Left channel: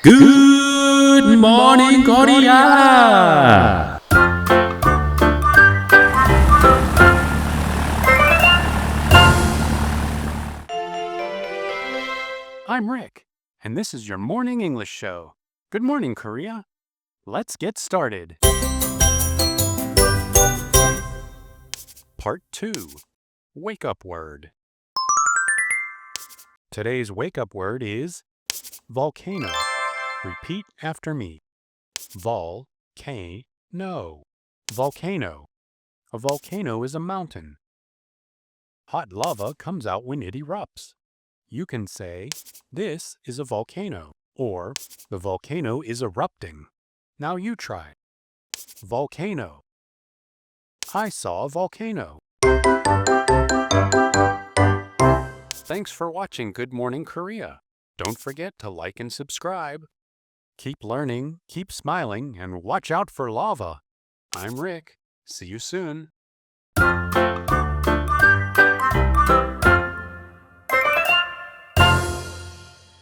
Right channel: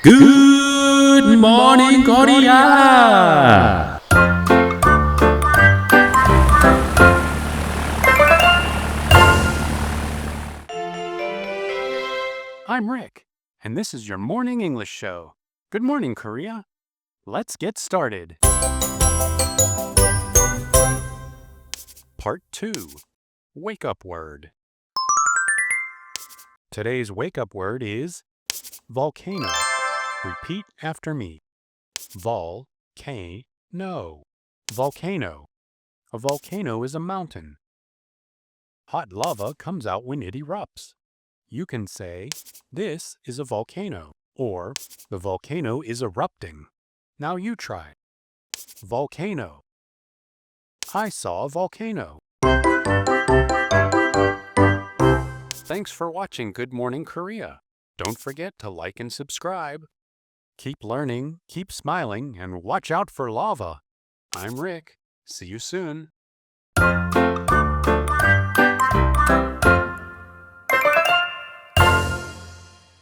Good morning, Korea! I'm Rick, and this is your morning English show. Good morning, Korea. Let's get started. Part 2. Wake up word. Today's wake up word is volcano. Repeat after me. Volcano. Volcano. A volcano is a mountain. Hot lava comes out when it erupts. You can say, "This is a volcano," or "The volcano is erupting." Now you try. Volcano. I saw a volcano. Thanks for watching Good Morning Korea. Don't forget to like and subscribe. Keep learning, keep smiling, and watch out for lava. I'm Rick. See you soon.